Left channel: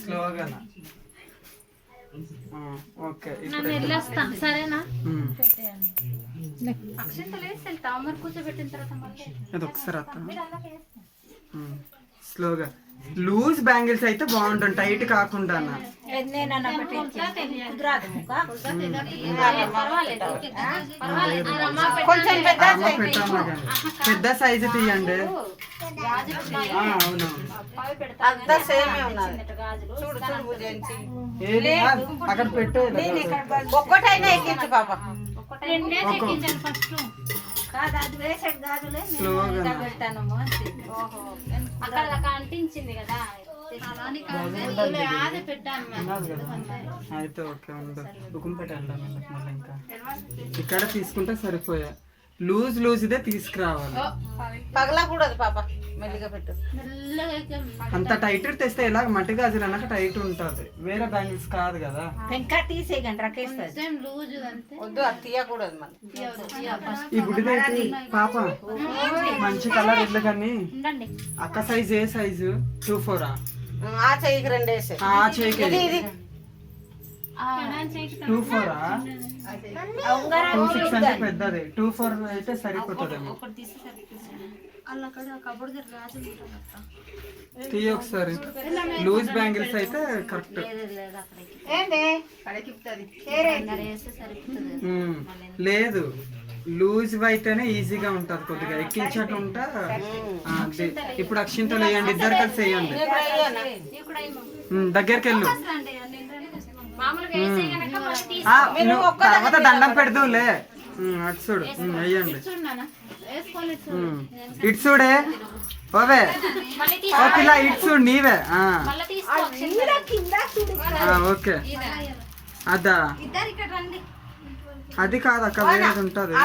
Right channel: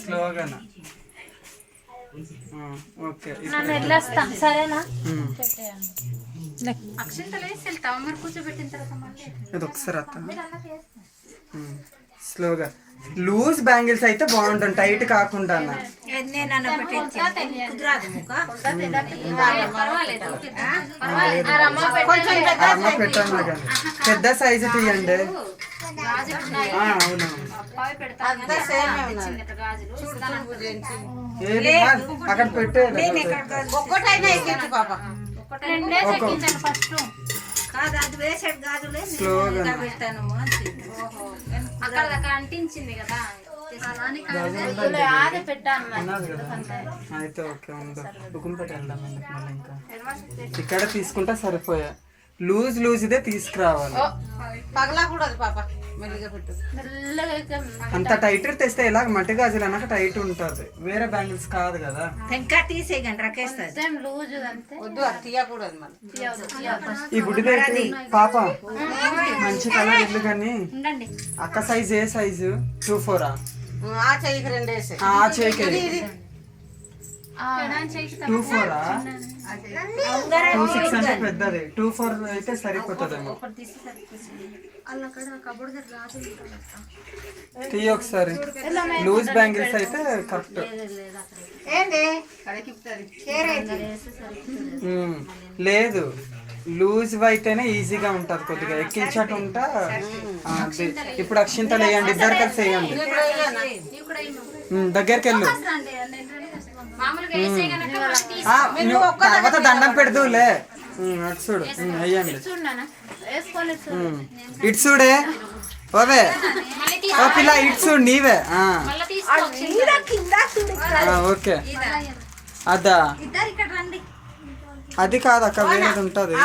స్లోగా ఓకే సరేనా అది ఒకసారి అత్త స్లోగా లూజ్ బ్యాంగిల్స్ అయితే బాగుంటుంది టైట్ కాకుండా అన్న అమ్మ పెట్టాను కానీ పెద్ద సైజు తీయండి అవునవును ఏది అక్కడ పెట్టే స్లోగా అయితే ఓకే ఉండు ఉకుంపేట వెళ్దాం మళ్ళీ ఇంకా ఇక్కడ తీసుకుంటా సరిపోయా లూజ్ ఇదే తీసుకురావాలి అంత టైట్ తెస్తే ఇలా మట్టి గాజులు అన్నాక టైట్ ఉంటుంది వేరే బ్యాంగిల్స్ కాదు కదా ఇంకా తీసేయండి ఈ గుడిదైతే పాప మంచి కలర్ ఇల్లు కానీ అక్క సైజ్ ఏ సైజు 2-4 ఆ చేయికి 2-4 2-6 అంటే పెద్దది 2-4 అయితే సరిపోతుందేమో తీయ ఒకసారి లూజ్ బ్యాంగిల్స్ అయితే కరెక్ట్ లేదు లూజ్ అయితేనే ఈజీగా ఉంటది కొద్దిగా ఎక్కించట ఉంటా ఇప్పుడు అక్షింతలు వేయండి ఇద్దరు కలిసి వేయండి దగ్గరికి వెళ్ళు నువ్వు తర్వాత దండం పెడదులే అటు చూడు వేయండి ఇటు చూడే ఓవే ఓ పిల్ల ఇటు చూడు నీవే ఓకే అదా అది కాదు అక్క వేరేది ఉంటుంది